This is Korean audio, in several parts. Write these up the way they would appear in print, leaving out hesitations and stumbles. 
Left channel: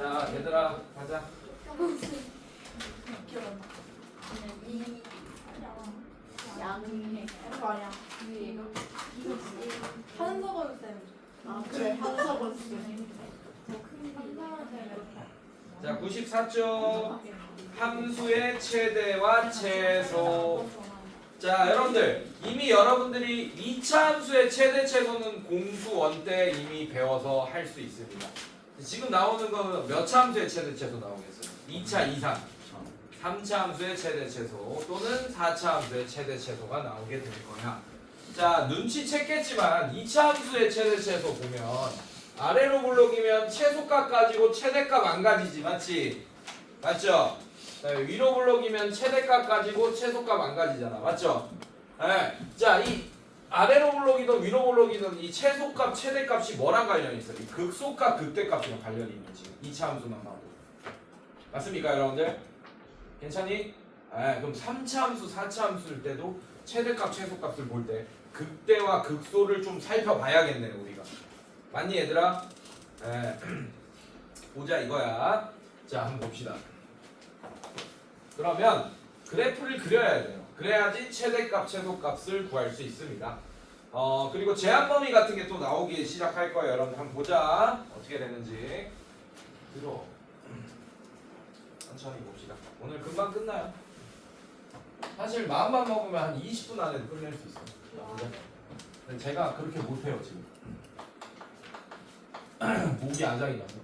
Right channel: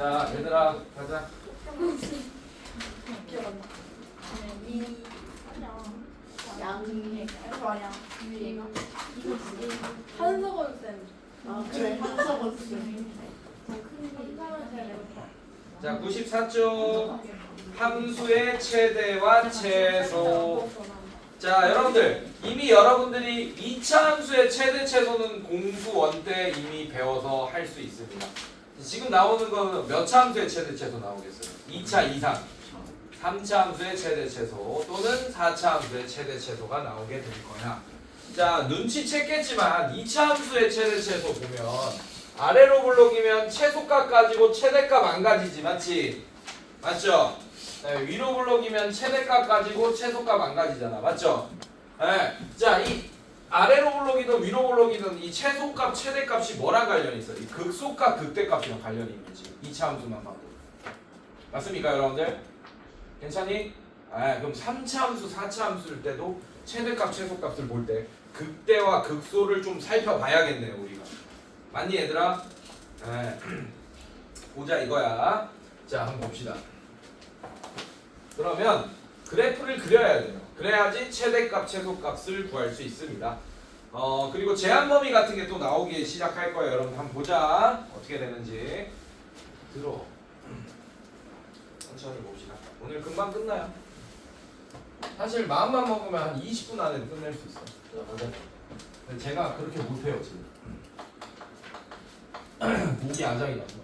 자, 얘들아, 가자. 한석원 쌤. 그래 한석원 쌤. 자, 94쪽. 함수의 최대와 최소. 자, 여러분들 이미 여러분들이 2차 함수의 최대 최소는 공수원 때 이미 배워서 할 수 있습니다. 지금 나오는 거는 몇 차 함수의 최대 최소 나오겠어요? 2차 이상, 3차 함수의 최대 최소 또는 4차 함수의 최대 최소가 나오게 될 거야. 자, 눈치챘겠지만 2차 함수의 최대 최소 보면 아래로 블록이면 최소값 가지고 최대값 안 가지지, 맞지? 맞죠? 네, 위로 블록이면 최대값 가지고 최소값 안 가지잖아, 맞죠? 네. 자, 이 아래로 블록이든 위로 블록이든 이 최소값, 최대값이 뭐랑 관련이 있어? 이 극소값, 극대값이랑 관련이 있는지 2차 함수만 봐도. 맞습니까, 여러분들? 괜찮니? 그럼 3차 함수, 4차 함수일 때도 최대값, 최소값을 볼 때 극대와 극소를 좀 살펴봐야겠네요, 우리가. 맞니, 얘들아? 보자 이거야. 자, 한번 봅시다. 그러면 그래프를 그려야 돼요. 그래야지 최대값, 최소값을 구할 수 있습니다. 그리고 제한 범위 같은 게 또 나오기 시작할 거예요. 여러분 한번 보자. 어떻게 되는지. 들어. 천천히 봅시다. 오늘 금방 끝나요. 사실 마음만 먹으면 한 20분 안에 끝낼 수 있어요. 자, 보자. 근데 제가 그렇게 못해요 지금. 목이 아작이 나서.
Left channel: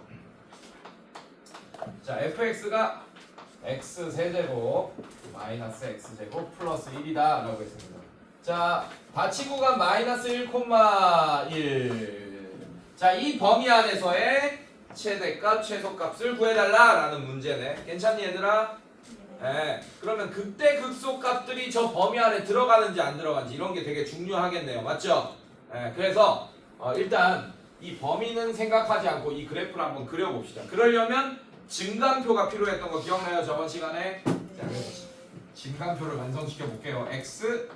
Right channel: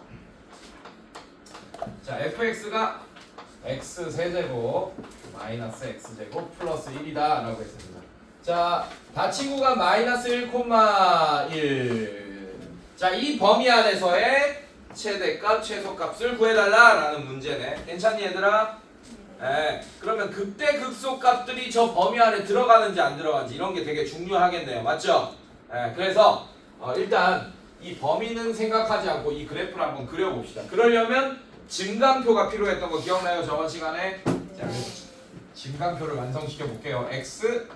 자, fx가 x 세제곱 마이너스 x제곱 플러스 1이다 라고 했습니다. 자, 다친구가 마이너스 1,1. 자, 이 범위 안에서의 최대값, 최소값을 구해달라 라는 문제네. 괜찮니 얘들아? 네. 그러면 극대, 극소값들이 저 범위 안에 들어가는지 안 들어가는지 이런 게 되게 중요하겠네요. 맞죠? 네. 그래서 일단 이 범위는 생각하지 않고 이 그래프를 한번 그려봅시다. 그러려면 증강표가 필요했던 거 기억나요? 저번 시간에? 자, 증강표를 완성시켜 볼게요. x,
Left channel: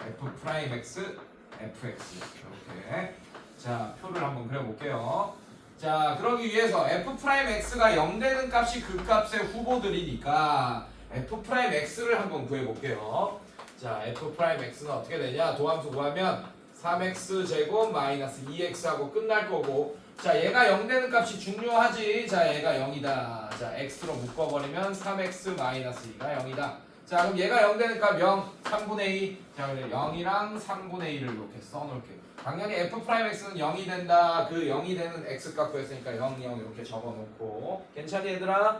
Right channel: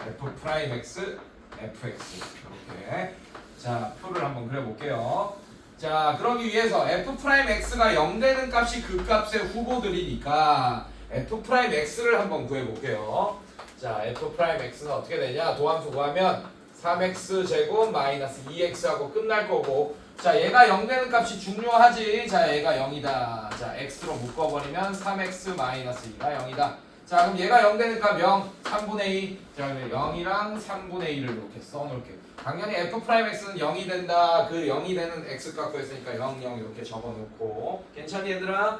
f 프라임 x, fx 이렇게. 자, 표를 한번 그려볼게요. 자, 그러기 위해서 f 프라임 x가 0 되는 값이 그 값의 후보들이니까 f 프라임 x를 한번 구해볼게요. 자, f 프라임 x가 어떻게 되냐? 도함수 구하면 3x 제곱 마이너스 2x하고 끝날 거고, 자, 얘가 0 되는 값이 중요하지. 자, 얘가 0이다. 자, x로 묶어버리면 3x 마이너스 2가 0이다. 자, 그럼 얘가 0 되는 값 0, 3분의 2. 자, 0이랑 3분의 2를 이렇게 써놓을게요. 당연히 f 프라임 x는 0이 된다. 그 0이 되는 x 값 구했으니까 0, 0 이렇게 적어놓고. 괜찮니 얘들아?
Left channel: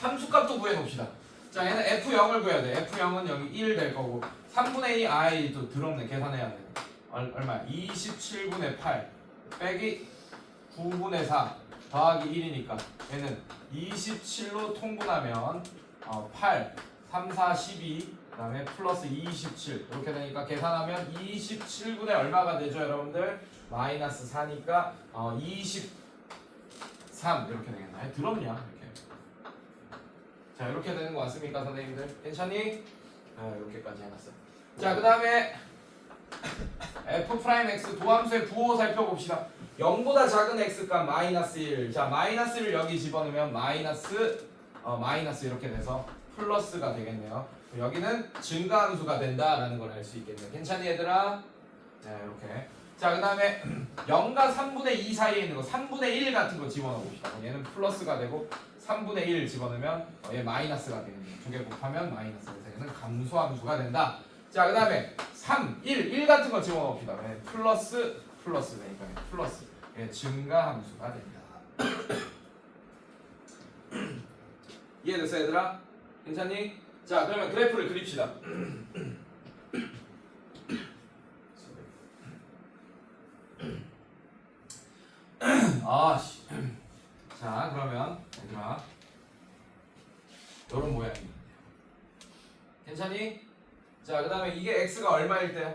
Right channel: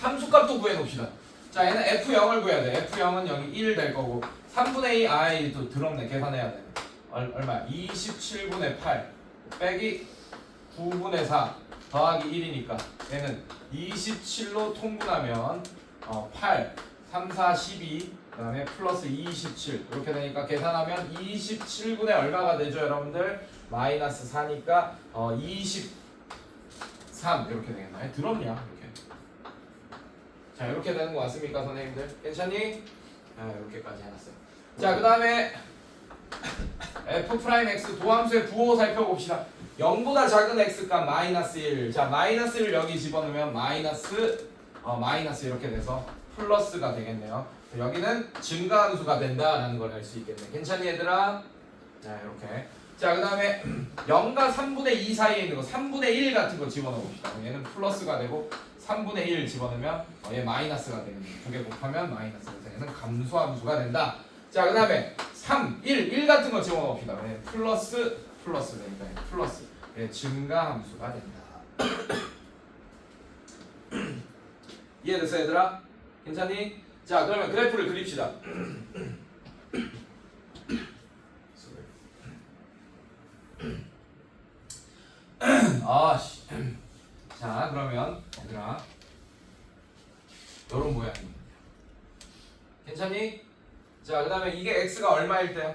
함수값도 구해놓읍시다. 자, 얘는 f0을 구해야 돼. f0은 0이 1 될 거고, 3분의 2, 아이 또 더럽네. 계산해야 돼. 얼마야? 27분의 8 빼기 9분의 4 더하기 1이니까 얘는 27로 통분하면 8, 3, 4, 12 그다음에 플러스 27 이렇게 되니까 계산하면 27분의 얼마가 되죠, 여러분들? 마이너스 4니까 23 이렇게 되겠나요? 더럽냐? 이렇게. 자, 이렇게 되는 거 맞습니까, 선생님들? 괜찮니? 이렇게까지 해놨어요. 자, 그 다음에 f 프라임 x 도함수의 부호 살펴봅시다. 0보다 작은 x값 마이너스 1. 자, 마이너스 1을 여기 집어넣으면 마이너스 이렇게 돼서 플러스가 되겠네요. 여기는 증가함수가 된다라는 걸 알 수 있겠네. 괜찮니 얘들아? 자, 이렇게. 자, 그 다음에 0과 3분의 2 사이에 있는 거 3분의 1 같은 거 집어넣어 봅시다. 얘는 플러스가 되고 3분의 1 집어넣으면 얘 마이너스가 되겠네요. 두 개 곱하면 마이너스가 되는 감소함수가 된다. 자, 그 다음에 3, 1 같은 거 집어넣읍시다. 플러스 되니까 플러스. 예, 증가함수가 된다. 이해됐어 얘들아? 괜찮니? 자, 그러면 그래프를 그립시다. 아씨. 자, 그러면 얘들아, 요런 모양이. 괜찮니? 자, 그 다음에 이게 x가 얼마일 때요?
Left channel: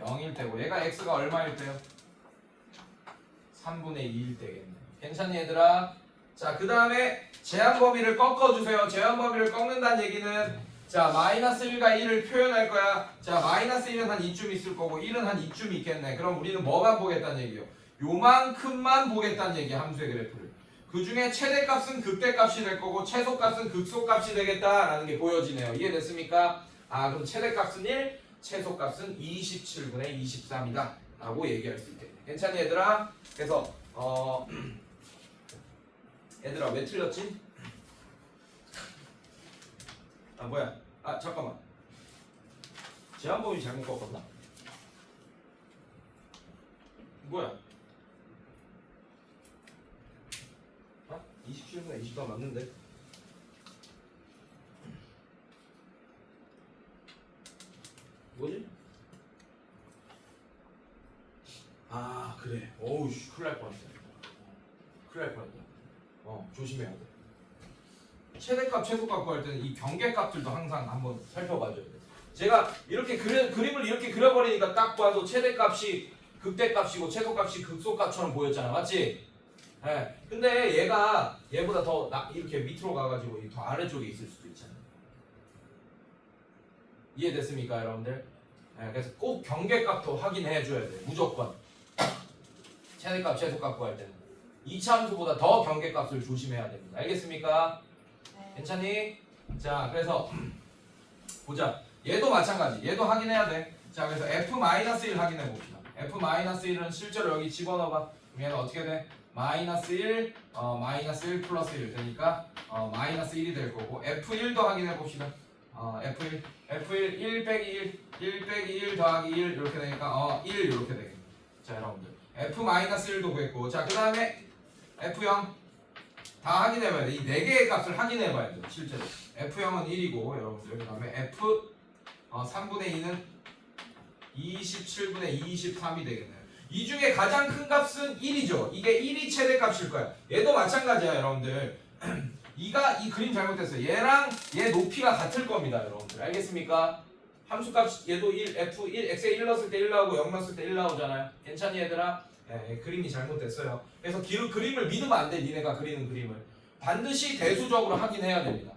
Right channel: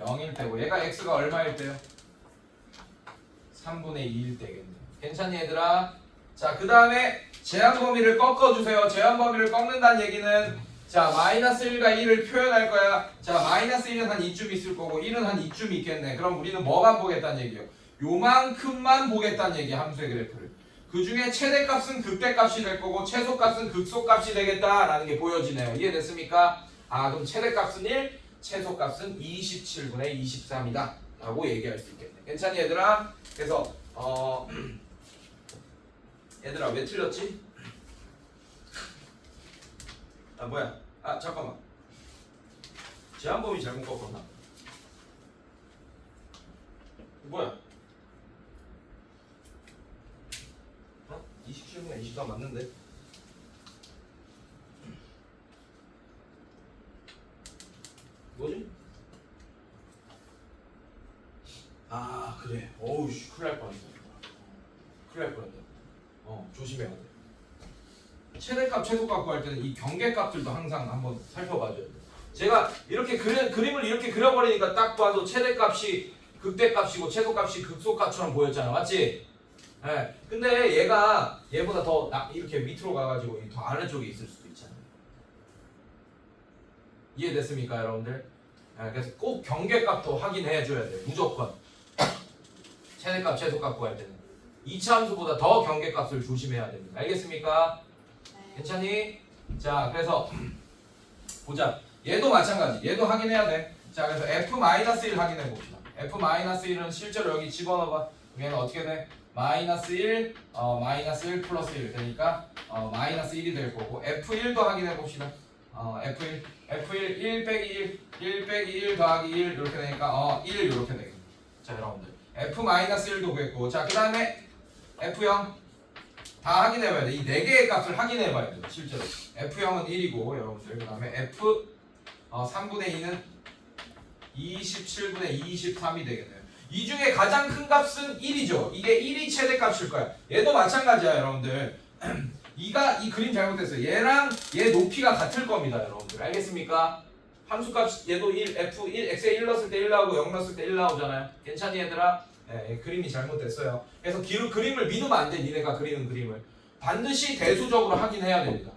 0일 때고, 얘가 x가 얼마일 때요? 3분의 2일 때겠네. 괜찮니 얘들아? 자, 그 다음에 제한 범위를 꺾어주세요. 제한 범위를 꺾는다는 얘기는, 자, 마이너스 1과 1을 표현할 거야. 자, 마이너스 1은 한 이쯤 있을 거고 1은 한 이쯤 있겠네. 그럼 우리는 뭐만 보겠다는 얘기예요? 요만큼만 보겠다는 얘기야, 함수의 그래프를. 그 중에 최대값은 극대값이 될 거고 최소값은 극소값이 되겠다라는 게 보여지네요. 이해됐습니까? 아, 그럼 최대값은 1, 최소값은 27분의 23이다 라고 얘기할 수 있겠네. 괜찮니 얘들아? 그래서 얘들아 왜 틀렸지? 아 뭐야? 아 잠깐만, 제한범위 잘못 꺾었나? 뭐야? 27분의 24 맞는데? 뭐지? 아 그래. 어우 씨, 큰일 날 뻔했어. 큰일 날 뻔했다. 조심해야 돼. 최대값, 최소값 구할 때는 이 경계값들도 항상 한번 살펴봐줘야 돼. 제가 이렇게 그림을 이렇게 그려버리니까 딱 봐도 최대값이 극대값이고 최소값이 극소값처럼 보였잖아, 맞지? 예. 근데 얘가 얘보다 더 이렇게 밑으로 가가지고 더 아래쪽에 있을 수도 있잖아. 이해됐습니까, 여러분들? 예, 그래서 꼭 경계값도 확인해줘야 돼, 무조건. 최대값, 최소값 구할 때는 이차 함수보다 더 경계값을 조심해야 됩니다. 알겠습니까? 네. 괜찮니? 자, 그래서 보자. 얘도 마찬가지. 얘도 확인해야 돼. 자, 그래서 f-1 확인해 봅시다. f-1은 실제로 여기 집어넣어봐. 그럼 얘는 어떻게 돼? -1, -1 플러스 1 되니까 -1이 될 거고, f1도 확인해 봅시다. f1 1 빼기 1 빼기 1 더하기 1 이렇게 되니까 1 이렇게 되겠네. 자, 여러분들 f-1도 구했고, 자, 그 다음에 f0 다 확인해봐야 돼. 이 4개의 값을 확인해봐야 돼, 실제로. f0은 1이고, 여러분들. 그 다음에 f 3분의 2는 27분의 23이 되겠네요. 이 중에 가장 큰 값은 1이죠. 이게 1이 최대값일 거야. 얘도 마찬가지야, 여러분들. 이 그림 잘못됐어요. 얘랑 얘 높이가 같을 겁니다, 여러분들. 알겠습니까? 함수값 얘도 1, f1, x에 1 넣었을 때 1 나오고 0 넣었을 때 1 나오잖아요. 괜찮니 얘들아? 예, 그림이 잘못됐어요. 그래서 그림을 믿으면 안 돼. 니네가 그리는 그림을 반드시 대수적으로 확인해야 됩니다.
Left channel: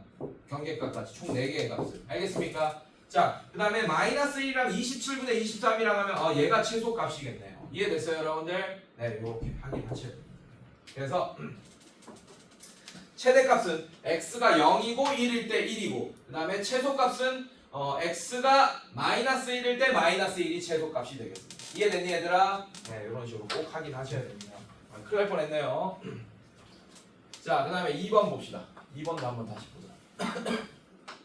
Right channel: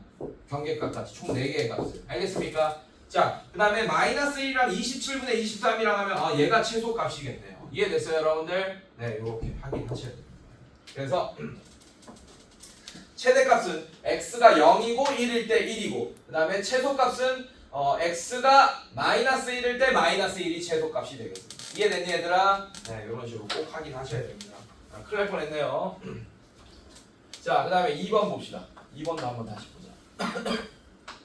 경계값까지 총 4개의 값을. 알겠습니까? 자, 그 다음에 -1이랑 27분의 23이랑 하면 얘가 최소값이겠네요. 이해됐어요, 여러분들? 네, 이렇게 확인하셔야 됩니다. 그래서 최대값은 x가 0이고 1일 때 1이고, 그 다음에 최소값은 x가 -1일 때 -1이 최소값이 되겠습니다. 이해됐니 얘들아? 네, 이런 식으로 꼭 확인하셔야 됩니다. 큰일 날 뻔했네요. 자, 그 다음에 2번 봅시다. 2번도 한번 다시 보자.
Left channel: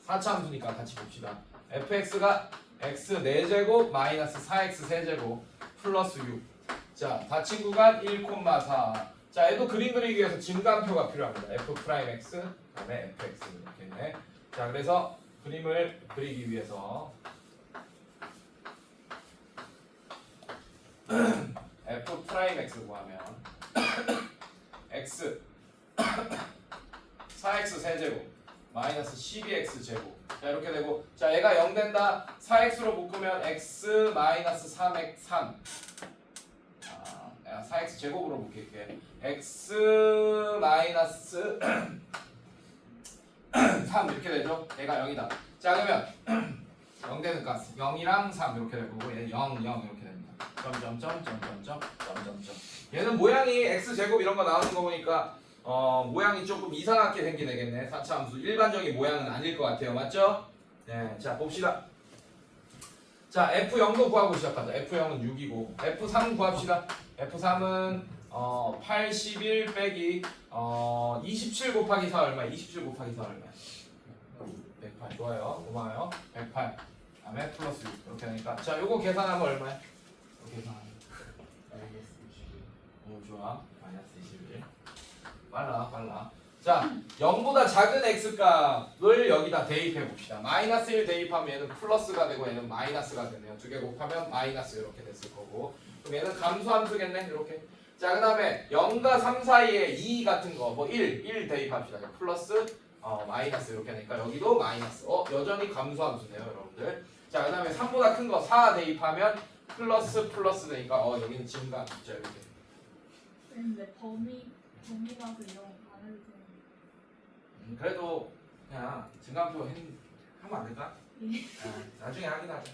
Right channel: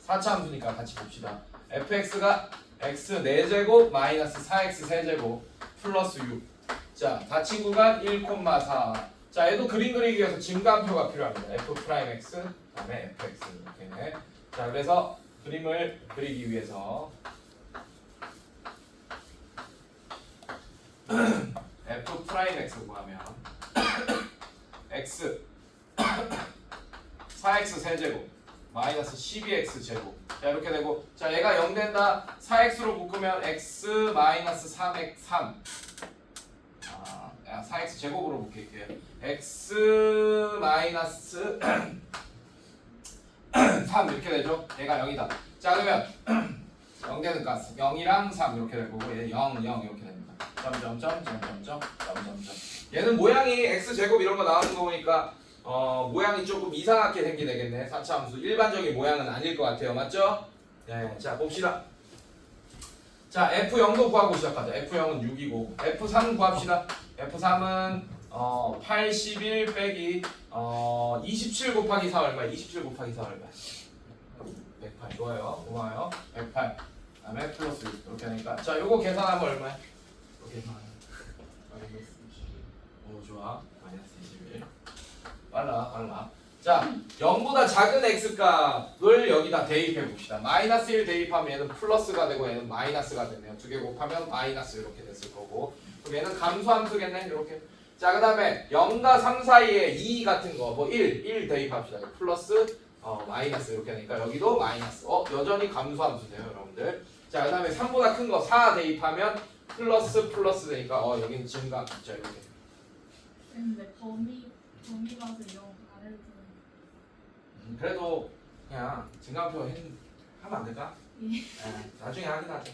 4차 함수니까 같이 봅시다. fx가 x 4제곱 마이너스 4x 세제곱 플러스 6. 자, 닫힌 구간 1,4. 자, 얘도 그림 그리기 위해서 증가표가 필요합니다. f'(x) 그다음에 fx 이렇게. 자, 그래서 그림을 그리기 위해서 f'(x) 구하면 x 4x 세제곱 마이너스 12x 제곱. 자, 이렇게 되고, 자, 얘가 0 된다. 4x로 묶으면 x 마이너스 3x 3. 4x 제곱으로 묶일게. x 마이너스 3 이렇게 되죠. 얘가 0이다. 자, 그러면 0 되는 값 0이랑 3 이렇게 될 거고, 얘는 0, 0 이렇게 됩니다. 점점점 점점점 점점점. 얘는 모양이 x 제곱 이런 거 나오는 거 보니까 모양이 조금 이상하게 생기겠네. 4차 함수 일반적인 모양은 아닐 것 같아요. 맞죠? 네, 자 봅시다. 자, F0도 구하고 시작하자. F0은 6이고 F3 구합시다. F3은 81 빼기 27 곱하기 4 얼마야? 27 곱하기 4 얼마야? 108. 좋아요. 고마워요. 108. 그다음에 플러스 6 이렇게 하니까, 자, 요거 계산하면 얼마야? 요거 계산하면 마이너스 21. 오, 좋아. 마이너스 21. 빨라. 자, 0보다 작은 x값을 여기다 대입해 봅시다. 마이너스 1 대입하면 얘는 플러스가 되고 얘는 마이너스가 되네요. 두 개 곱하면 마이너스 이렇게 됐을 거고, 그럼 얘는 감소함수겠네. 이렇게. 자, 그 다음에 0과 3 사이에 2 같은 거, 뭐 1 대입합시다. 플러스 마이너스 이렇게 되니까 여기도 마이너스. 여전히 감소함수네요, 여러분들. 자, 그 다음에 3보다 큰 거 4 대입하면 플러스 되니까 여기는 증가함수죠. 이렇게. 근데 범위라서 이런 안 해도 되는. 그래도 그냥 증가표 하면 안 될까? 예. 나중에 확인하자.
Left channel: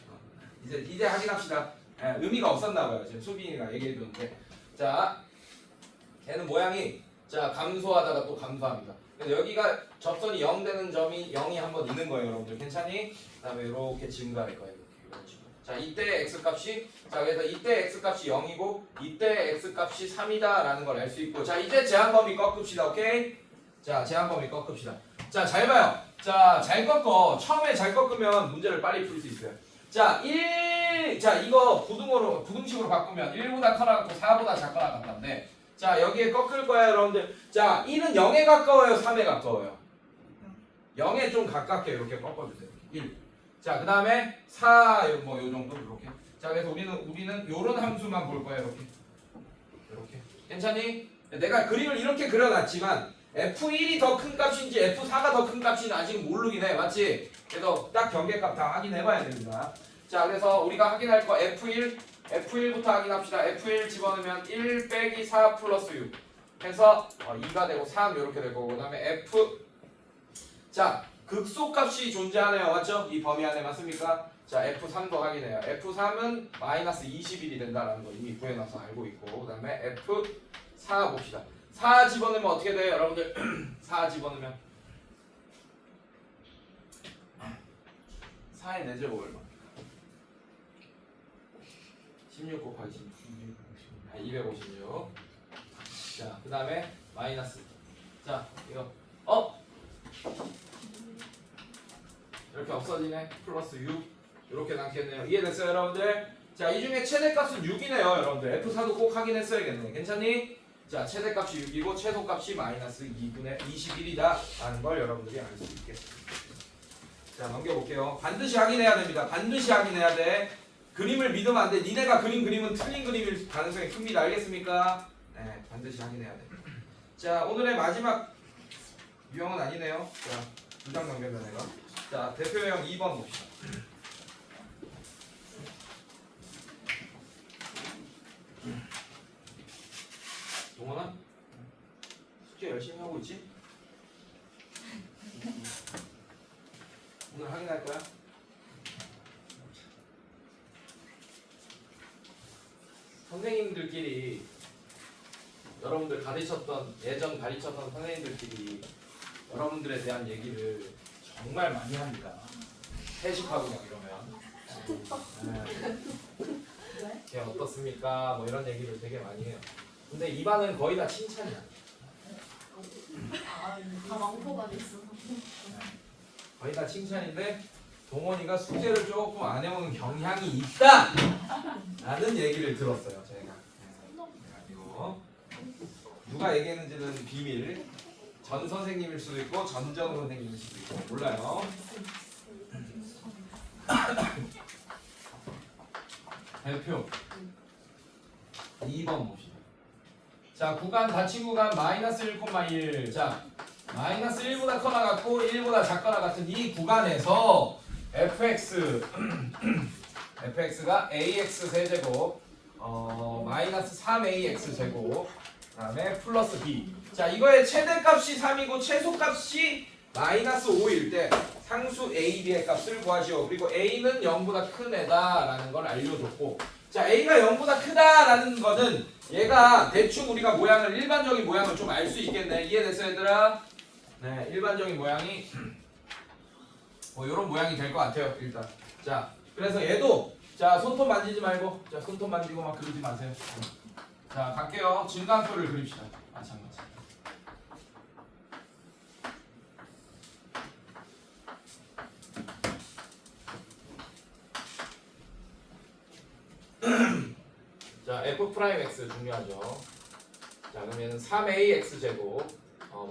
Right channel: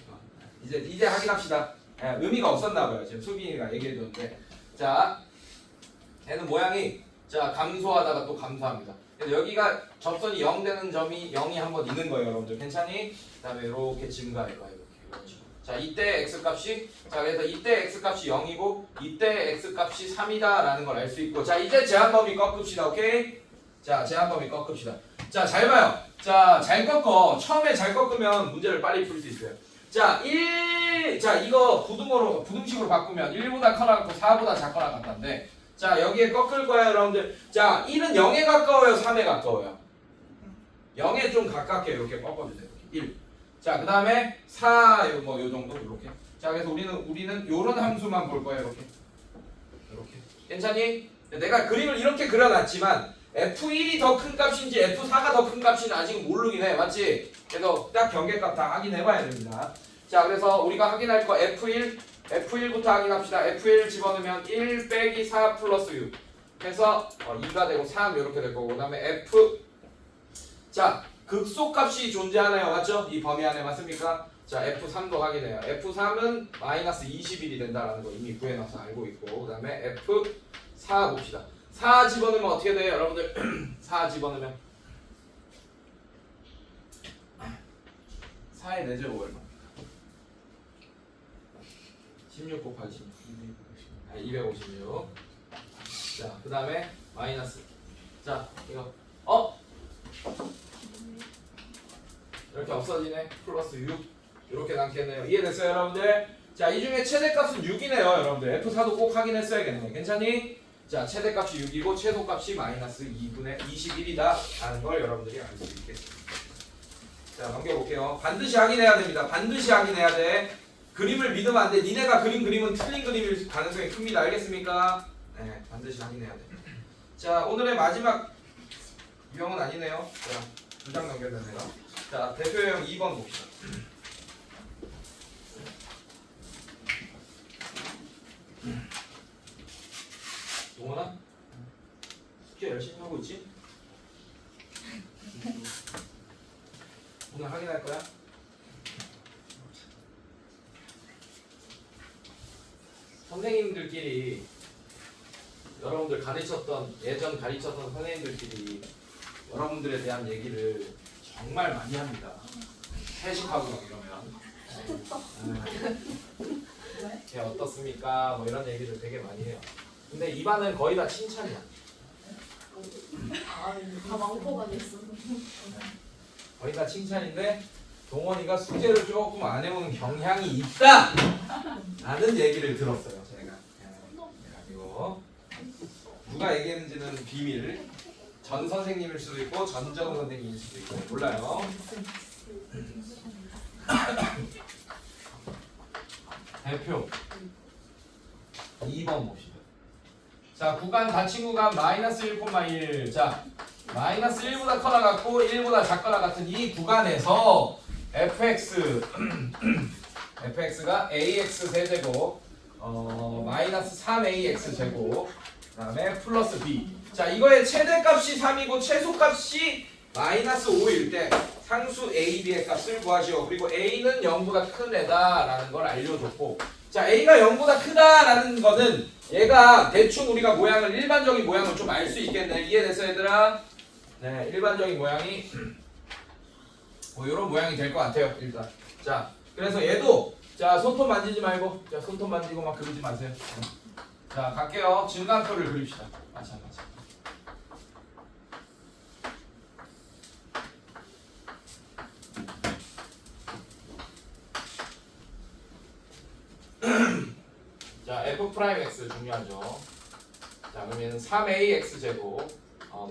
이제 확인합시다. 의미가 없었나 봐요. 지금 수빈이가 얘기해 줬는데 자, 얘는 모양이 자 감소하다가 또 감소합니다. 그래서 여기가 접선이 0 되는 점이 0이 한번 있는 거예요, 여러분들. 괜찮니? 그다음에 이렇게 증가할 거예요. 이렇게. 자, 이때 x 값이 자 그래서 이때 x 값이 0이고 이때 x 값이 3이다라는 걸 알 수 있고 자 이제 제한 범위 꺾읍시다. 오케이? 자 제한 범위 꺾읍시다. 자 잘 봐요. 자 잘 꺾어. 처음에 잘 꺾으면 문제를 빨리 풀 수 있어요. 자 1, 자 이거 부등식으로 바꾸면 1보다 커나갔고 4보다 작거나 같다인데 자 여기에 꺾을 거야 여러분들. 자 1은 0에 가까워요 3에 가까워요? 0에 좀 가깝게 이렇게 꺾어주세요. 1. 자, 그 다음에 4, 뭐, 요 정도, 이렇게. 자, 그래서 우리는 요런 함수만 볼 거예요, 이렇게. 이렇게. 괜찮니? 내가 그림을 이렇게 그려놨지만, F1이 더 큰 값인지 F4가 더 큰 값인지 아직은 모르긴 해. 맞지? 그래서 딱 경계값 다 확인해봐야 됩니다. 자, 그래서 우리가 확인할 거 F1부터 확인합시다. F1 집어넣으면 1 빼기 4 플러스 6. 해서 2가 되고 3 이렇게 될 거고, 그 다음에 자, 극소값이 존재하네요. 맞죠? 이 범위 안에 맞습니까? 자, F3도 확인해요. F3은 마이너스 21이 된다는 거 이미 구해놔서 알고 있고 그 다음에 F4 봅시다. 4 집어넣으면 어떻게 돼요? 여러분들 4 집어넣으면 4의 4제곱 얼마? 16 곱하기 16 256. 자, 그 다음에 마이너스 자, 이거 이렇게 없어지네. 플러스 6 이렇게 남겠네요. 이해됐어요 여러분들? 자, 이 중에 최대값은 6이네요 여러분들. F4도 꼭 확인했어야겠네. 괜찮니? 자, 최대값이 6이고 최소값이 마이너스 2분의 21이다 라는 걸 여러분들이 알 수 있겠습니다. 자, 넘겨볼게요. 반드시 확인해야 됩니다. 반드시 확인해야 돼. 그림을 믿으면 안 돼. 니네가 그림은 틀린 그림일 가능성이 큽니다. 알겠습니까? 네, 반드시 확인해야 돼. 자, 오늘의 마지막 유형은 아니네요. 자, 2장 넘겼네 내가. 자, 대표 유형 2번 봅시다. 동원아? 숙제 열심히 하고 있지? 오늘 확인할 거야? 선생님들끼리 여러분들 예전 가르쳤던 선생님들끼리 여러분들에 대한 얘기를 정말 많이 합니다. 회식하고 막 이러면 걔 어떻습니까? 뭐 이런 얘기를 되게 많이 해요. 근데 이 반은 거의 다 칭찬이야. 다 망포가 됐어. 거의 다 칭찬인데 동원이가 숙제를 조금 안 해오는 경향이 있다! 라는 얘기를 들었어요 제가. 그래가지고 누가 얘기했는지는 비밀. 전 선생님일 수도 있고 전전 선생님일 수도 있고 몰라요. 대표 2번 봅시다. 자, 구간 닫힌 구간 마이너스 1,1. 자, 마이너스 1보다 커나 같고 1보다 작거나 같은 이 구간에서 fx가 ax 세제곱 마이너스 3ax 제곱 그 다음에 플러스 b. 자, 이거의 최대값이 3이고 최소값이 마이너스 5일 때 상수 a, b의 값을 구하시오. 그리고 a는 0보다 큰 애다라는 걸 알려줬고 자, a가 0보다 크다라는 거는 얘가 대충 우리가 일반적인 모양을 좀 알 수 있겠네. 이해됐어 얘들아? 네, 일반적인 모양이 뭐 이런 모양이 될 것 같아요 일단. 자, 그래서 얘도 자 손톱 만지지 말고 자 손톱 만지고 막 그러지 마세요. 자, 갈게요. 증간표를 그립시다. 마찬가지. 자, f'(x) 중요하죠. 자, 그러면 3ax 제곱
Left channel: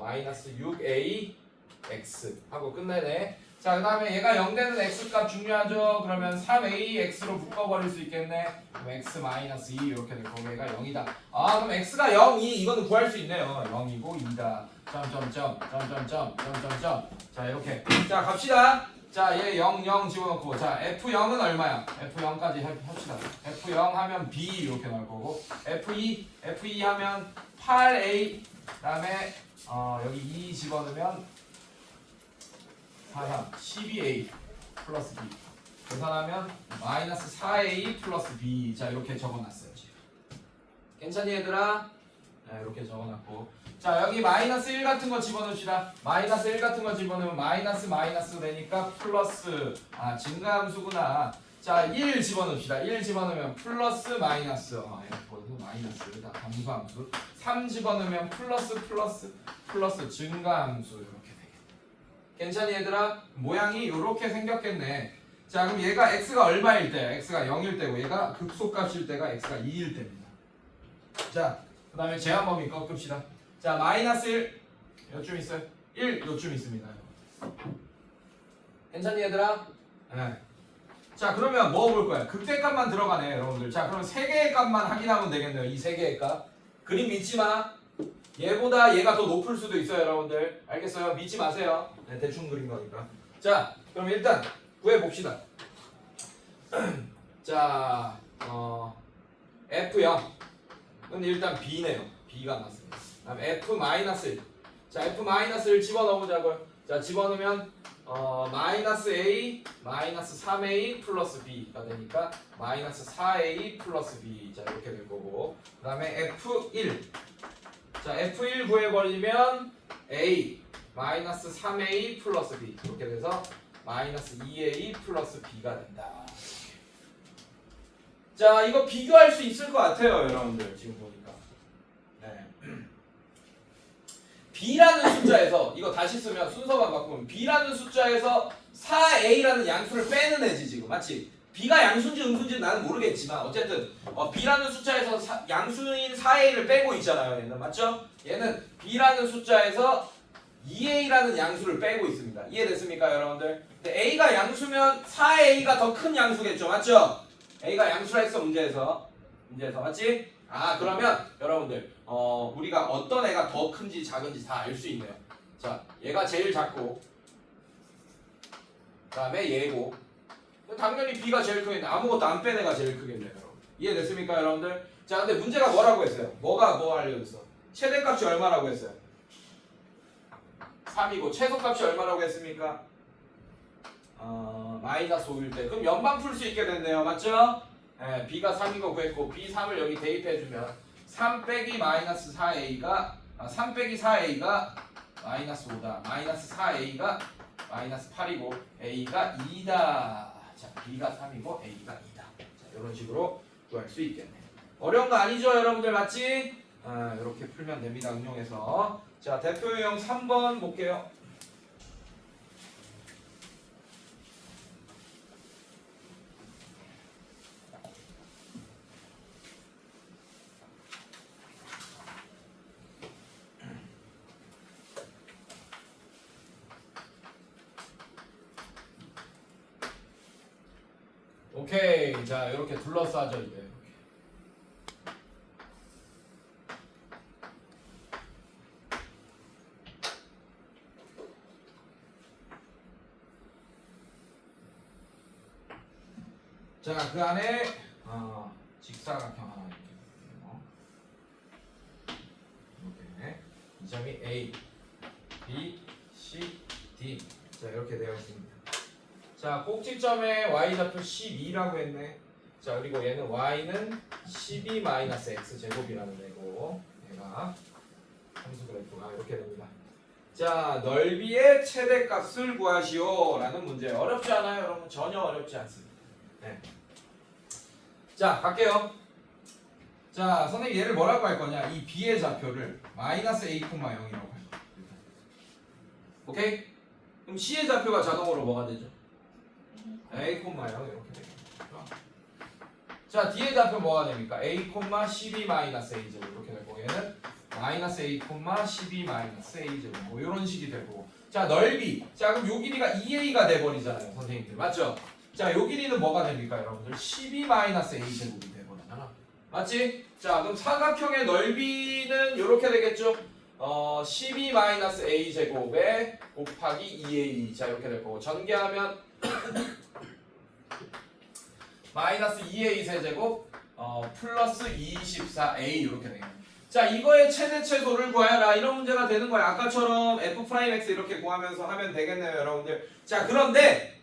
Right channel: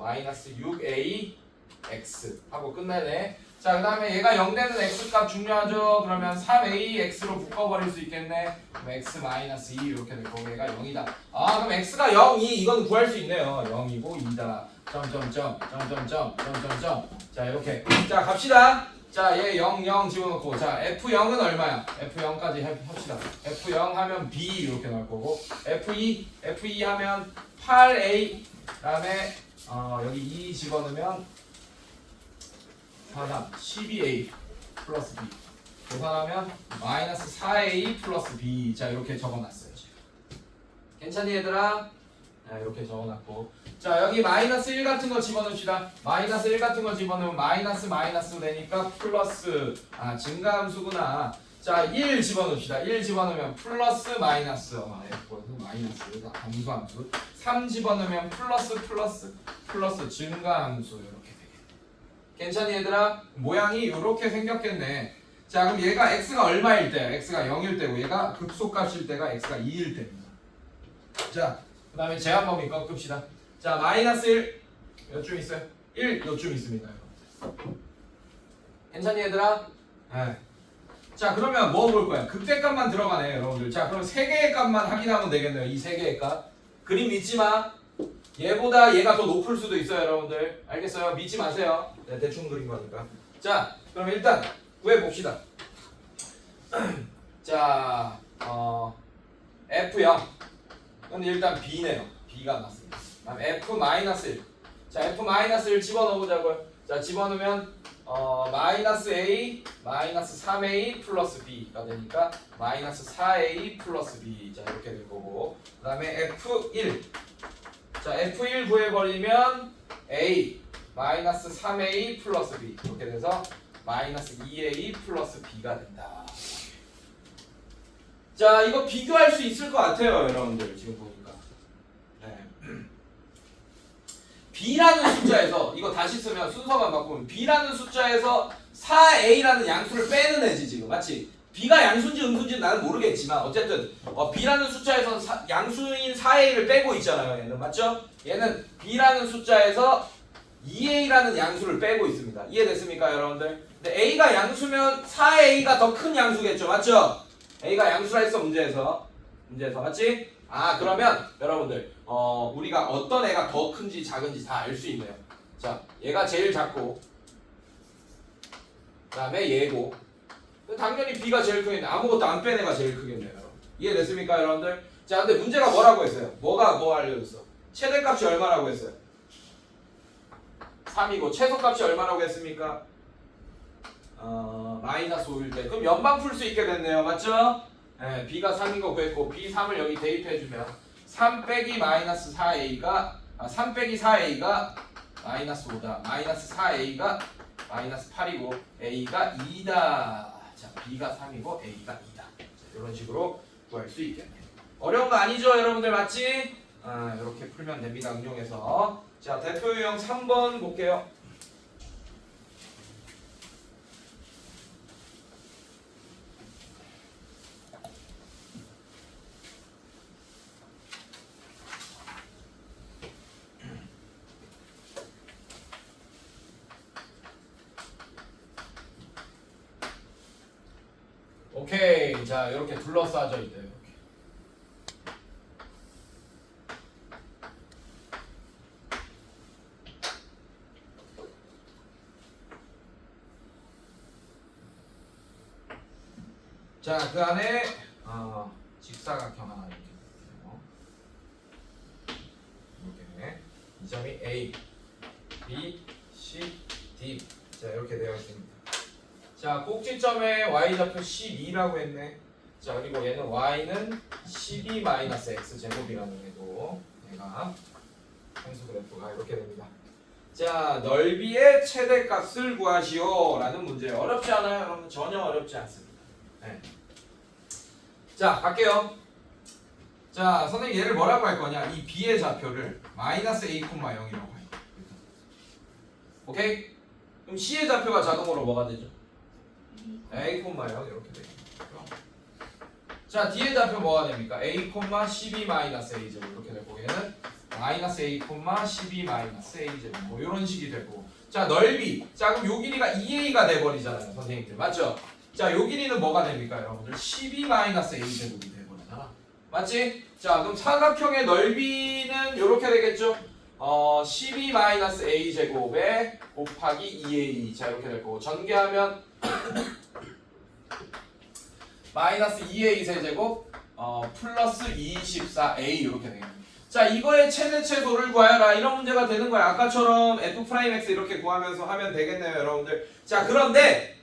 마이너스 6ax 하고 끝내네. 자, 그 다음에 얘가 0 되는 x값 중요하죠. 그러면 3ax로 묶어버릴 수 있겠네. 그럼 x 마이너스 2 이렇게 될 거고 얘가 0이다. 아, 그럼 x가 0, 2 이건 구할 수 있네요. 0이고 2다. 점점점 점점점 점점점. 자, 이렇게. 자, 갑시다. 자, 얘 0, 0 집어넣고 자, F0은 얼마야? F0까지 합시다. F0 하면 B 이렇게 나올 거고 F2 하면 8A 그다음에 여기 2 집어넣으면 4, 12A 플러스 B 계산하면 마이너스 4A 플러스 B. 자, 이렇게 적어놨어요 지금. 괜찮니 얘들아? 자, 이렇게 적어놨고 자 여기 마이너스 1 같은 거 집어넣읍시다. 마이너스 1 같은 거 집어넣으면 마이너스 마이너스 되니까 플러스 증가함수구나. 자 1 집어넣읍시다. 1 집어넣으면 플러스 마이너스 F 마이너스 감소함수 3 집어넣으면 플러스 증가함수 이렇게 되겠네. 괜찮니 얘들아? 모양이 이렇게 생겼겠네. 자 그럼 얘가 x가 얼마일 때? x가 0일 때고 얘가 극소값일 때가 x가 2일 때입니다. 자 그 다음에 제한범위 꺾읍시다. 자 마이너스 1 요쯤 있어요. 1 요쯤 있습니다. 괜찮니 얘들아? 네. 자 그러면 뭐 볼 거야? 극대값만 들어가네 여러분들. 자 그럼 3개의 값만 확인하면 되겠네요. 이 3개의 값. 그림 믿지 마. 얘보다 얘가 더 높을 수도 있어요 여러분들. 알겠어요? 믿지 마세요. 네, 대충 그린 거니까. 자 그럼 일단 구해봅시다. 자 F0 근데 일단 B네요. B가 맞습니다. 다음 F-1 자 F-1 집어넣어보자고요. 자 집어넣으면 마이너스 A 마이너스 3A 플러스 B가 되니까 마이너스 4A 플러스 B 자 이렇게 될 거고 그 다음에 F1 자 F1 구해버리면 A 마이너스 3A 플러스 B 이렇게 돼서 마이너스 2A 플러스 B가 된다. 자 이거 비교할 수 있을 것 같아요 여러분들 지금 보니까 네. B라는 숫자에서 이거 다시 쓰면 순서만 바꾸면 B라는 숫자에서 4A라는 양수를 빼는 애지 지금 맞지? B가 양수인지 음수인지 나는 모르겠지만 어쨌든 B라는 숫자에서 양수인 4A를 빼고 있잖아요 얘는 맞죠? 얘는 B라는 숫자에서 2A라는 양수를 빼고 있습니다. 이해됐습니까 여러분들? 근데 A가 양수면 4A가 더 큰 양수겠죠 맞죠? A가 양수라 했어 문제에서 맞지? 그러면 여러분들 우리가 어떤 애가 더 큰지 작은지 다 알 수 있네요. 자 얘가 제일 작고 그 다음에 얘고 당연히 B가 제일 크겠네. 아무것도 안 뺀 애가 제일 크겠네요 여러분. 이해됐습니까 여러분들? 자 근데 문제가 뭐라고 했어요? 뭐가 뭐 알려줬어? 최대값이 얼마라고 했어요? 3이고 최소값이 얼마라고 했습니까? 마이너스 5일 때 그럼 연방 풀 수 있게 됐네요 맞죠? 네, B가 3인 거 구했고 B 3을 여기 대입해주면 3 빼기 마이너스 4A가 3 빼기 4A가 마이너스 5다 마이너스 4A가 마이너스 8이고 A가 2다. 자 B가 3이고 A가 2다. 자, 이런 식으로 구할 수 있겠네. 어려운 거 아니죠 여러분들 맞지? 이렇게 풀면 됩니다 응용해서. 자 대표 유형 3번 볼게요. 오케이 자 이렇게 둘러싸져 있대요. 자 그 안에 직사각형 하나 이렇게 있고요. 이렇게 이 점이 A, B, C, D 자 이렇게 되어 있습니다. 자 꼭지점에 y좌표 12라고 했네. 자 그리고 얘는 y는 12-x 제곱이라는 애고 얘가 함수 그래프가 이렇게 됩니다. 자 넓이의 최대값을 구하시오 라는 문제예요. 어렵지 않아요 여러분? 전혀 어렵지 않습니다. 네. 자 갈게요. 자 선생님 얘를 뭐라고 할 거냐? 이 b의 좌표를 마이너스 a, 0이라고 할 거예요. 오케이? 그럼 c의 좌표가 자동으로 뭐가 되죠? a, 0 이렇게 되겠죠. 자 d의 좌표 뭐가 됩니까? a, 12-a 제곱 이렇게 되고 얘는 마이너스 a, 12-a 제곱 뭐 이런 식이 되고 자 넓이 자 그럼 요 길이가 2a가 돼버리잖아요 선생님들 맞죠? 자 요 길이는 뭐가 됩니까 여러분들? 12-a 제곱이 돼버리잖아 맞지? 자 그럼 사각형의 넓이는 요렇게 되겠죠? 12-a 제곱에 곱하기 2a 자 이렇게 될 거고 전개하면 마이너스 2a 세제곱 플러스 24a 이렇게 되겠네. 자 이거의 최대 최소를 구하여라 이런 문제가 되는 거야. 아까처럼 f'(x) 이렇게 구하면서 하면 되겠네요 여러분들. 자 그런데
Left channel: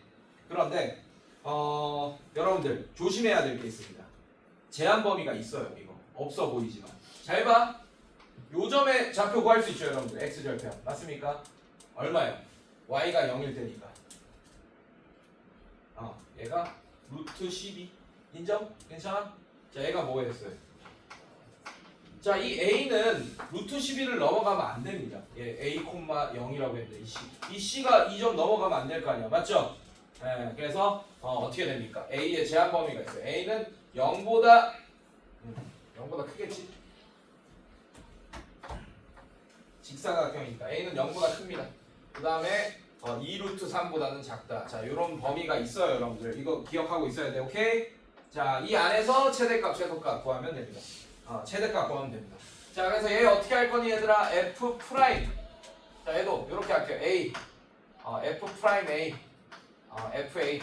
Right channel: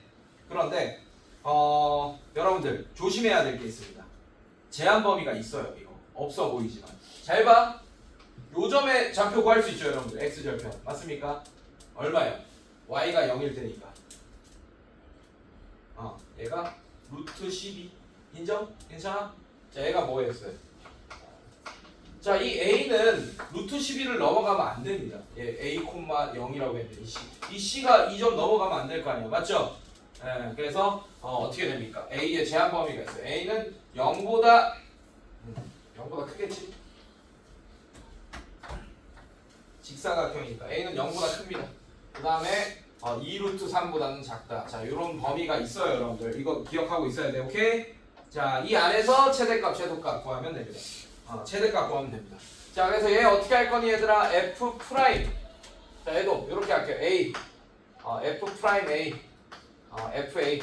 여러분들 조심해야 될 게 있습니다. 제한 범위가 있어요 이거. 없어 보이지만 잘 봐. 요점에 좌표 구할 수 있죠 여러분들. x절편 맞습니까? 얼마예요? y가 0일 테니까 얘가 루트 12 인정? 괜찮아? 자 얘가 뭐였어요? 자 이 a는 루트 12를 넘어가면 안 됩니다. 얘 a, 0이라고 했는데 이 c가 2점 넘어가면 안 될 거 아니야 맞죠? 예, 그래서 어떻게 됩니까? a의 제한 범위가 있어요. a는 0보다 크겠지? 직사각형이니까 a는 0보다 큽니다. 그 다음에 2루트 3보다는 작다. 자, 이런 범위가 있어요, 여러분들. 이거 기억하고 있어야 돼, 오케이? 자, 이 안에서 최대값, 최소값 구하면 됩니다. 최대값 구하면 됩니다. 자, 그래서 얘 어떻게 할 거니, 얘들아? f 프라임. 자, 얘도 이렇게 할게요. a, f 프라임 a, f a.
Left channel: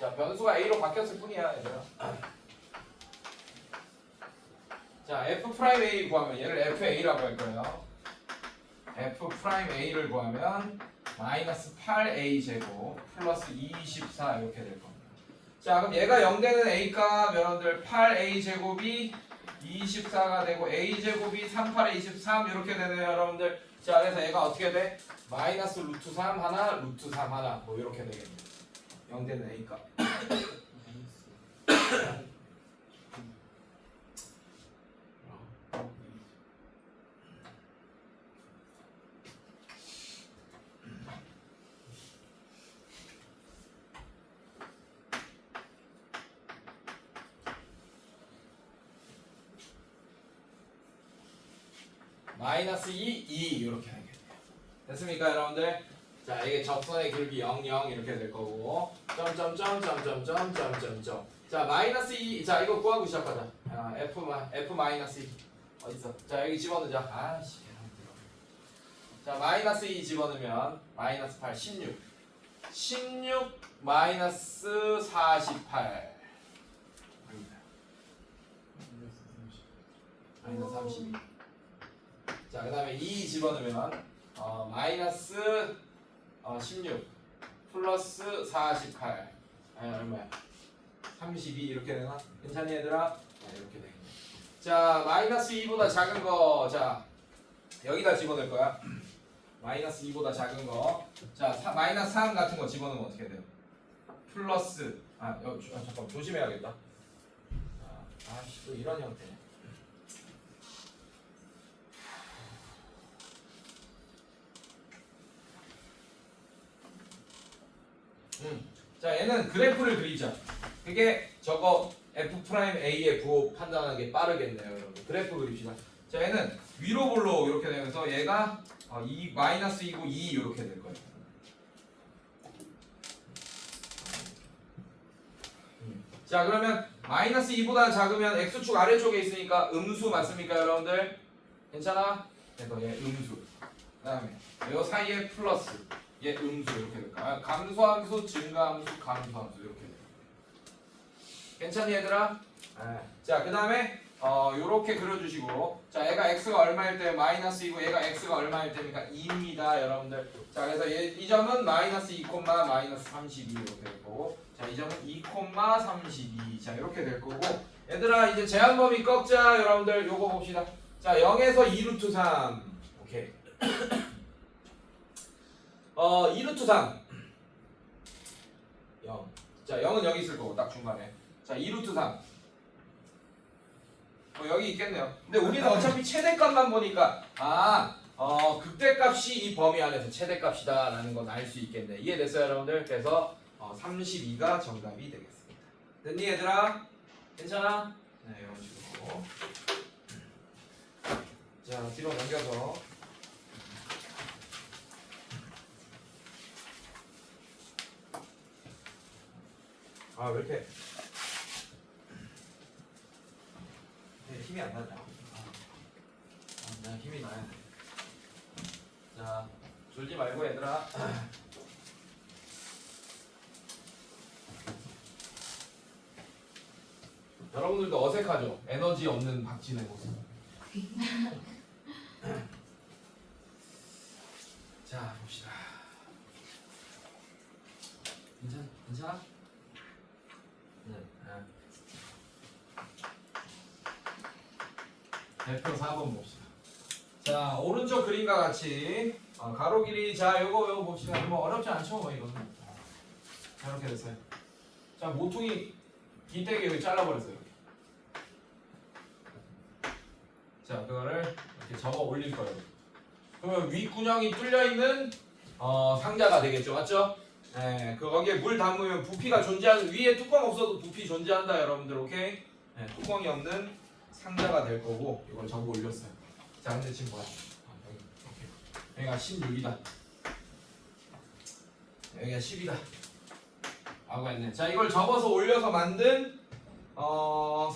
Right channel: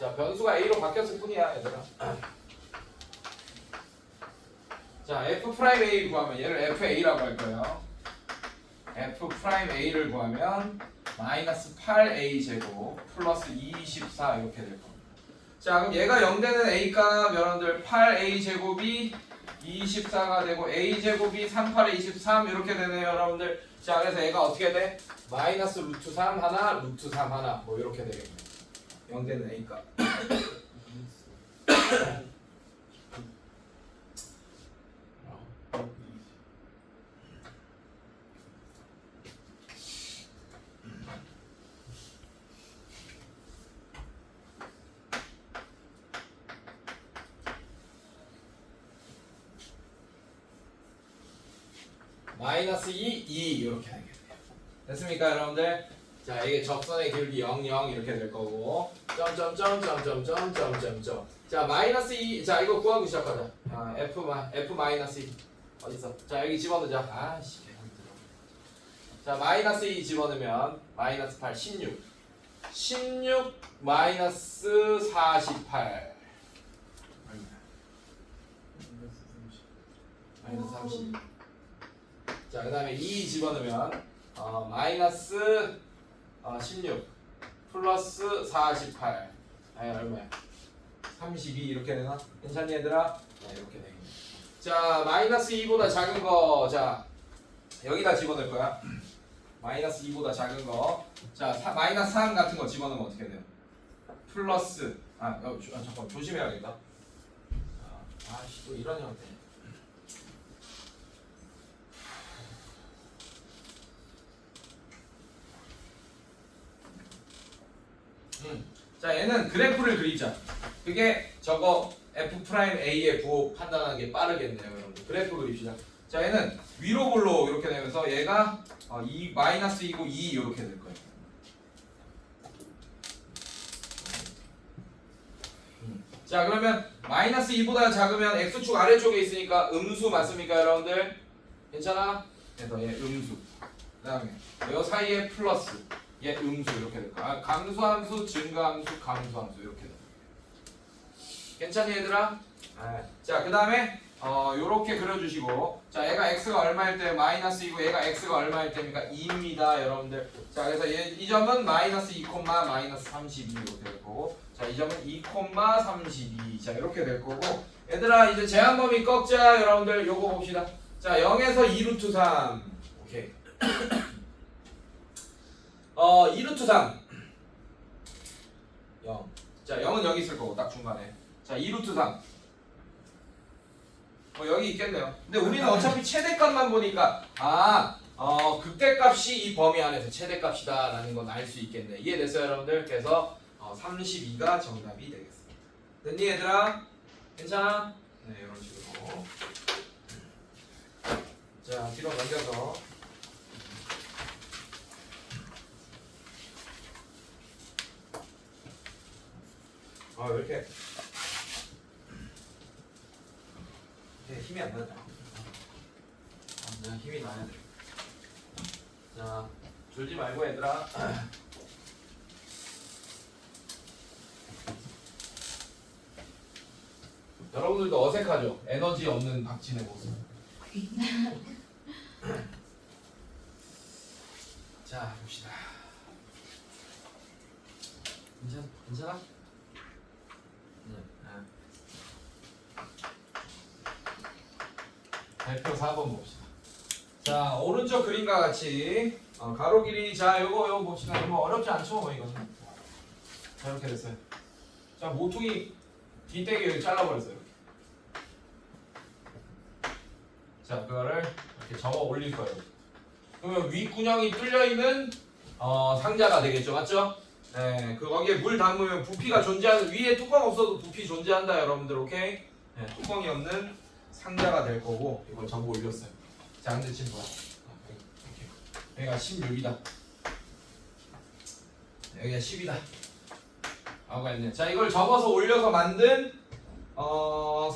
자, 변수가 a로 바뀌었을 뿐이야, 얘들아. 자, f 프라임 a 구하면 얘를 f a라고 할 거예요. f 프라임 a를 구하면 마이너스 8a 제곱 플러스 24 이렇게 될 겁니다. 자, 그럼 얘가 0 되는 a값 여러분들 8a 제곱이 24가 되고 a 제곱이 3, 8에 23 이렇게 되네요, 여러분들. 자, 그래서 얘가 어떻게 돼? 마이너스 루트 3 하나, 루트 3 하나 뭐 이렇게 되겠네요. 0 되는 a값. 마이너스 2, 2 이렇게 되겠네요. 됐습니까, 여러분들? 자, 이게 적선의 길기 0, 0 이렇게 될 거고 점점점점점점점점. 자, 마이너스 2. 자, 이거 구하고 시작하자. f 마이너스 2 어딨어? 자, 여기 집어넣자. 아씨, 계산 들어. 자, 마이너스 2 집어넣으면 마이너스 8, 16 마이너스 48 마이너스 32. 자, 그 다음에 2 집어넣으면 마이너스 16 플러스 48 얼마야? 32 이렇게 되나? 괜찮니 얘들아? 네, 이렇게 되겠네. 자, 마이너스 2보다 작은 거, 자 여기다 집어넣을 거야. 마이너스 2보다 작은 거. 자, 마이너스 3 같은 거 집어넣으면 어떻게 돼요? 플러스 잠깐 조심해야겠다. 아씨, 또 이런 형태네. 자, 얘는 그래프를 그리자. 그게 저거 f 프라임 a의 부호 판단하는 게 빠르겠네요, 여러분. 그래프 그립시다. 자, 얘는 위로 볼로 이렇게 되면서 얘가 2 마이너스 2고 2 이렇게 될 거예요. 자, 그러면 마이너스 2보다 작으면 x축 아래쪽에 있으니까 음수 맞습니까, 여러분들? 괜찮아? 그래서 얘 음수. 그다음에 요 사이에 플러스. 얘 음수 이렇게 될까? 감소함수, 증가함수, 감소함수 이렇게 돼. 괜찮니 얘들아? 자, 그 다음에 요렇게 그려주시고, 자, 얘가 x가 얼마일 때 마이너스 2고 얘가 x가 얼마일 때입니까? 2입니다, 여러분들. 자, 그래서 이 점은 마이너스 2, 마이너스 32 이렇게 될 거고, 자, 이 점은 2, 32. 자, 이렇게 될 거고, 얘들아 이제 제한범위 꺾자, 여러분들. 요거 봅시다. 자, 0에서 2루트 3. 오케이. 2루트 3 0. 자, 0은 여기 있을 거고 딱 중간에. 자, 2루트 3 여기 있겠네요. 근데 우리는 어차피 최대값만 보니까 극대값이 이 범위 안에서 최대값이다 라는 건 알 수 있겠네. 이해됐어요, 여러분들? 그래서 32가 정답이 되겠습니다. 됐니, 얘들아? 괜찮아? 네, 이런 식으로. 자, 뒤로 넘겨서 왜 이렇게 힘이 안 나냐? 내가 힘이 나야 돼. 자, 졸지 말고 얘들아. 여러분들도 어색하죠? 에너지 없는 박진의 모습. 자, 봅시다. 괜찮아? 한번 봅시다. 자, 오른쪽 그림과 같이 가로 길이 자 요거 봅시다. 뭐 어렵지 않죠, 이거는. 자, 이렇게 됐어요. 자, 모퉁이 뒷대기 여기 잘라버렸어요. 이렇게. 자, 그거를 이렇게 접어 올릴 거예요. 그러면 윗구녕이 뚫려 있는 상자가 되겠죠, 맞죠? 네, 그 거기에 물 담으면 부피가 존재하는 위에 뚜껑 없어도 부피 존재한다, 여러분들, 오케이? 네, 뚜껑이 없는 상자가 될 거고 이걸 접어 올렸어요. 자, 근데 지금 뭐야? 여기가 16이다. 여기가 10이다. 하고 했네. 자, 이걸 접어서 올려서 만든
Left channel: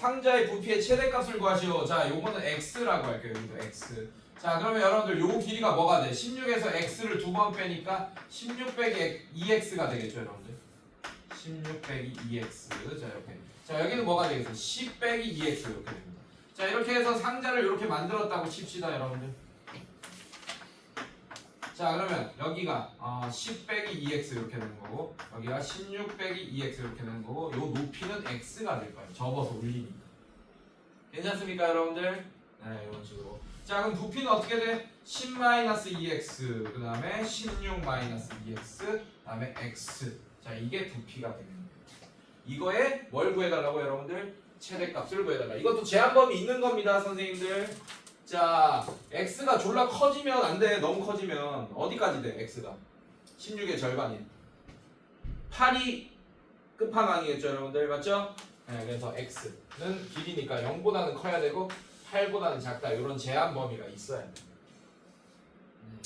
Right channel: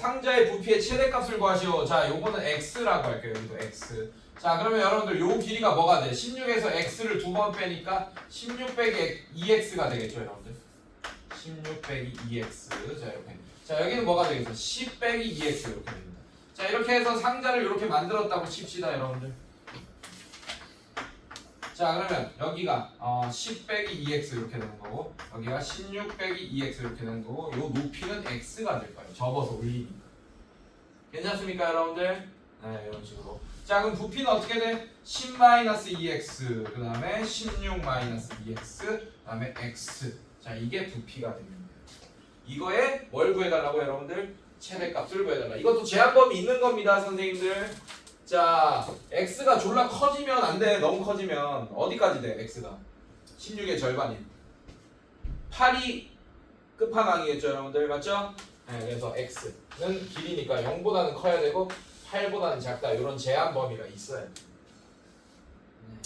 상자의 부피의 최대값을 구하시오. 자, 요거는 x라고 할게요. 여기도 x. 자, 그러면 여러분들 요 길이가 뭐가 돼? 16에서 x를 두 번 빼니까 16 빼기 2x가 되겠죠, 여러분들. 16 빼기 2x. 자, 이렇게. 자, 여기는 뭐가 되겠어? 10 빼기 2x 이렇게 됩니다. 자, 이렇게 해서 상자를 이렇게 만들었다고 칩시다, 여러분들. 자, 그러면 여기가 10 빼기 2x 이렇게 되는 거고, 여기가 16 빼기 2x 이렇게 되는 거고, 요 높이는 x가 될 거예요. 접어서 올리니까. 괜찮습니까, 여러분들? 네, 이런 식으로. 자, 그럼 부피는 어떻게 돼? 10-2x, 그 다음에 16-2x, 그 다음에 x. 자, 이게 부피가 됩니다. 이거에 뭘 구해달라고, 여러분들? 최대값을 구해달라. 이것도 제한범위 있는 겁니다, 선생님들. 자, x가 졸라 커지면 안 돼. 너무 커지면 어디까지 돼? x가 16의 절반인 8이 끝판왕이겠죠, 여러분들. 맞죠? 네, 그래서 x는 길이니까 0보다는 커야 되고 8보다는 작다. 이런 제한 범위가 있어야 돼. 네,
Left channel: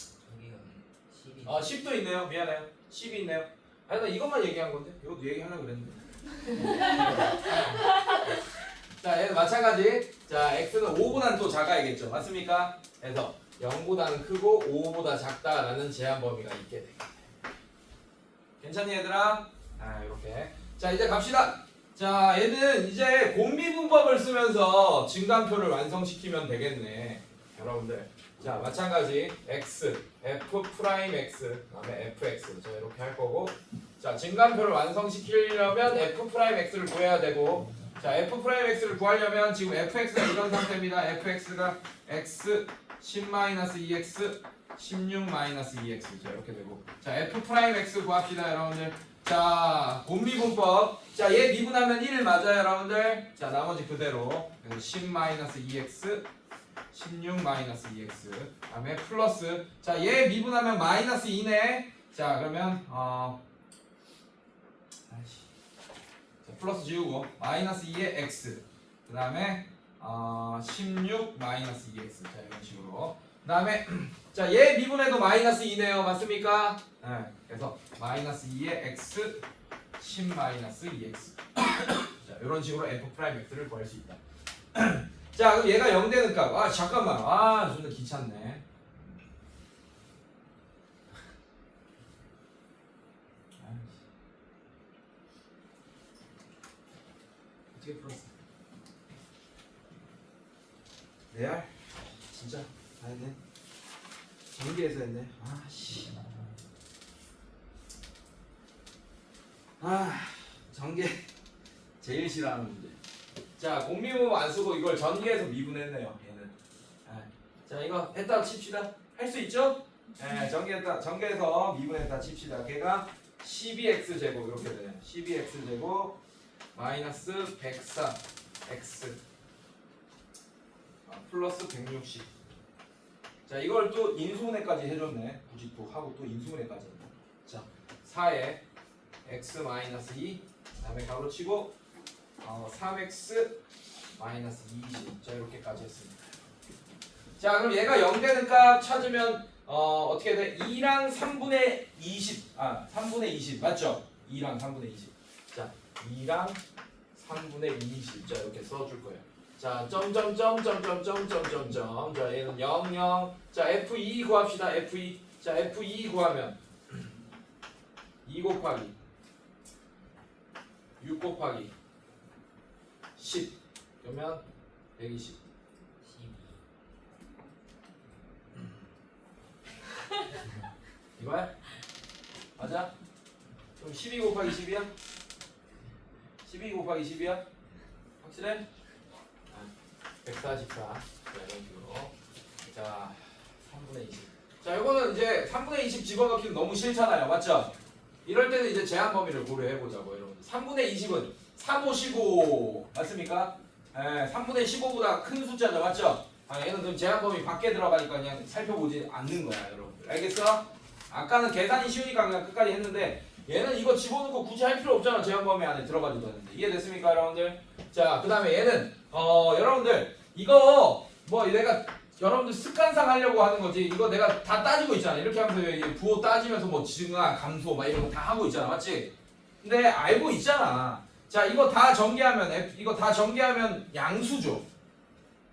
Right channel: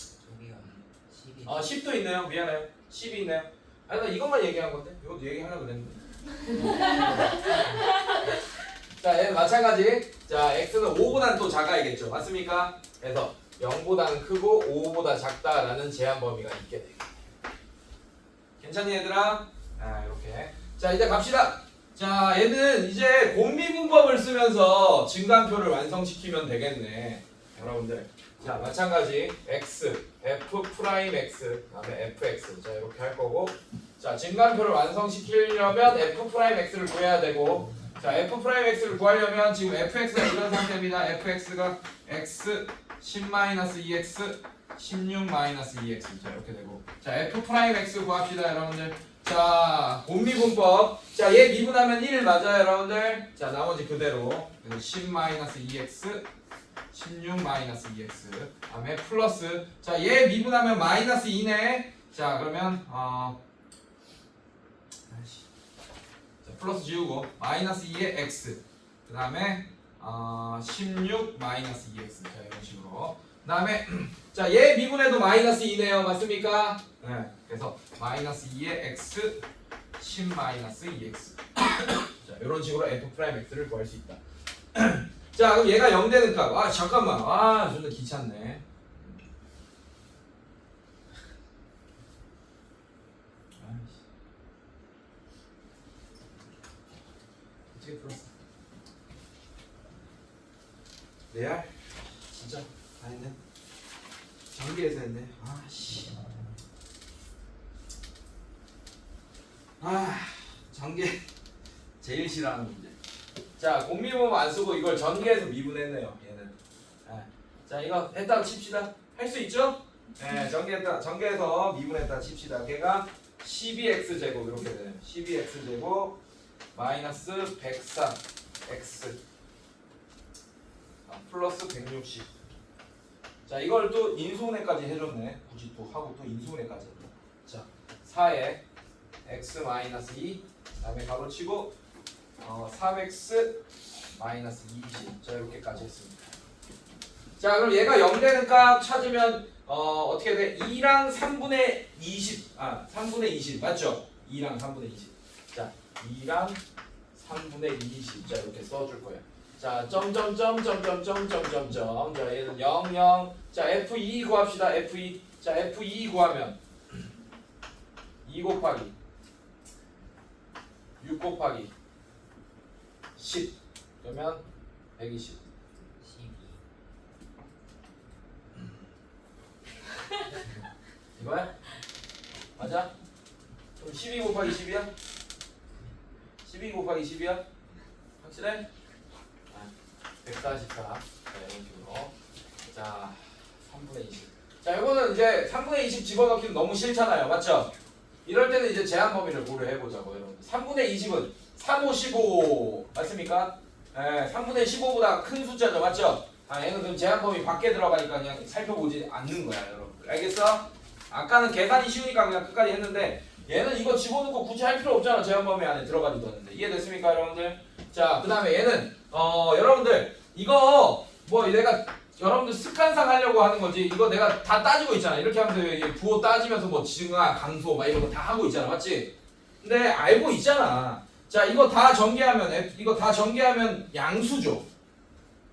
저기가 10이 10도 있네요. 미안해요. 10이 있네요. 아니, 나 이것만 얘기한 건데. 이것도 얘기하려고 그랬는데. 자, 얘는 마찬가지. 자, x는 5보다는 또 작아야겠죠. 맞습니까? 그래서 0보다는 크고 5보다 작다라는 제한 범위가 있게 되겠다. 괜찮니, 얘들아? 이렇게. 자, 이제 갑시다. 자, 얘는 이제 공미분법을 쓰면서 증간표를 완성시키면 되겠네. 여러분들. 자, 마찬가지. x, f 프라임 x, 그다음에 fx. 자, 이렇게 할 거고. 자, 증간표를 완성시키려면 f 프라임 x를 구해야 되고. 자, f 프라임 x를 구하려면 지금 fx가 이런 상태입니다. fx가 x 10-2x 16-2x. 자, 이렇게 되고. 자, f 프라임 x 구합시다, 여러분들. 자, 공미분법. 자, 얘 미분하면 1 맞아요, 여러분들. 자, 나머지 그대로 10-2x 16-2x. 다음에 플러스. 자, 얘 미분하면 마이너스 2네. 자, 그러면 플러스 지우고 마이너스 2의 x. 그 다음에 16 마이너스 2x. 자, 이런 식으로. 그 다음에 자, 얘 미분해도 마이너스 2네요. 맞습니까? 네. 그래서 마이너스 2의 x 10 마이너스 2x. 자, 이런 식으로 f 프라임 x를 구할 수 있다. 자, 그럼 얘가 0 되는 값. 잠깐만. 좀 더 귀찮네. 어떻게 풀었어? 레알? 진짜? 다 했네? 전기에서 했네. 전기 제일 싫어하는 문제. 자, 공미분 안 쓰고 이걸 전기에서 미분했네요. 얘는. 자, 이거 했다고 칩시다. 할 수 있죠? 네, 전기에서 미분했다 칩시다. 걔가 12x 제곱 이렇게 돼요. 12x 제곱 마이너스 104 x 플러스 160. 자, 이걸 또 인수분해까지 해줬네. 굳이 또 하고 또 인수분해까지 했네. 자, 4에 x 마이너스 2 다음에 가로치고 3x 마이너스 20. 자, 이렇게까지 했습니다. 자, 그럼 얘가 0 되는 값 찾으면 어떻게 돼? 2랑 3분의 20. 3분의 20 맞죠? 2랑 3분의 20. 자, 2랑 3분의 20. 자, 이렇게 써줄 거예요. 자, 점점점점점점점점. 자, 얘는 0, 0. 자, F2 구합시다. F2. 자, F2 구하면 2 곱하기 6 곱하기 10. 그러면 120. 12 이거야? 맞아? 그럼 12 곱하기 10이야? 12 곱하기 10이야? 확실해? 144. 자, 이런 식으로. 자 3분의 20. 자 이거는 이제 3분의 20 집어넣기는 너무 싫잖아요, 맞죠? 이럴 때는 이제 제한 범위를 고려해보자고. 여러분 3분의 20은 3, 5, 15 맞습니까? 예, 3분의 15보다 큰 숫자죠, 맞죠? 얘는 그럼 제한 범위 밖에 들어가니까 그냥 살펴보지 않는 거야, 여러분들. 알겠어? 아까는 계산이 쉬우니까 그냥 끝까지 했는데 얘는 이거 집어넣고 굳이 할 필요 없잖아. 제한 범위 안에 들어가지도 않는데. 이해됐습니까, 여러분들? 자, 그 다음에 얘는 여러분들 이거 뭐 내가 여러분들 습관상 하려고 하는 거지. 이거 내가 다 따지고 있잖아. 이렇게 하면서 이게 부호 따지면서 뭐 증하, 강소 막 이런 거 다 하고 있잖아, 맞지? 근데 알고 있잖아. 자, 이거 다 전개하면 양수죠.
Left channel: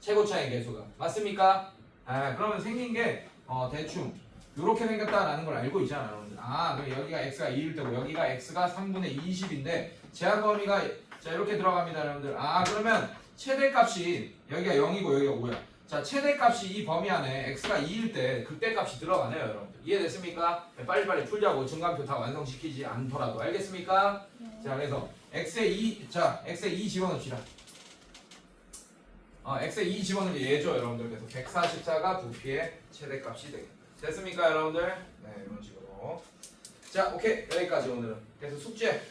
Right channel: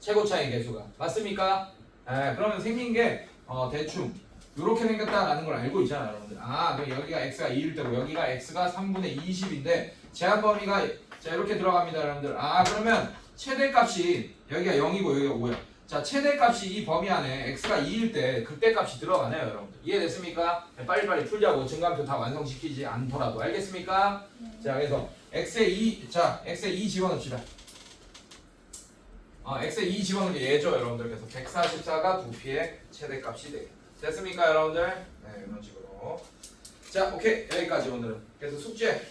최고차의 개수가. 맞습니까? 그러면 생긴 게 대충 이렇게 생겼다라는 걸 알고 있잖아요, 여러분들. 그럼 여기가 x가 2일 때고 여기가 x가 3분의 20인데 제한 범위가 자 이렇게 들어갑니다, 여러분들. 그러면 최대값이 여기가 0이고 여기가 5야. 자, 최대값이 이 범위 안에 x가 2일 때 그때 값이 들어가네요, 여러분들. 이해됐습니까? 빨리빨리 풀려고 증강표 다 완성시키지 않더라도. 알겠습니까? 자, 그래서 x에 2 집어넣읍시다. x에 2 집어넣는 게 얘죠, 여러분들. 그래서 144가 부피의 최대값이 되겠다. 됐습니까, 여러분들? 네, 이런 식으로. 자, 오케이. 여기까지 오늘은. 그래서 숙제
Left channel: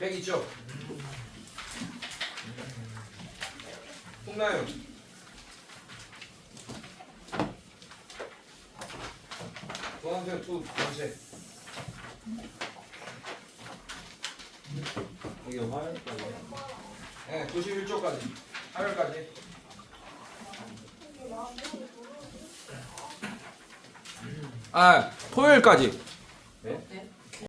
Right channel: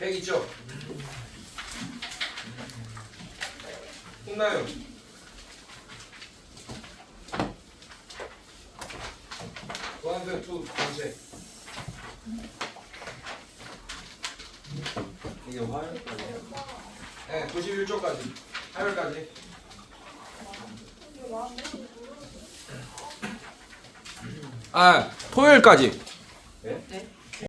100 있죠? 홍나요. 노란색 두 번째. 이게 화요일까지예요? 네, 91조까지. 화요일까지. 토요일까지. 네?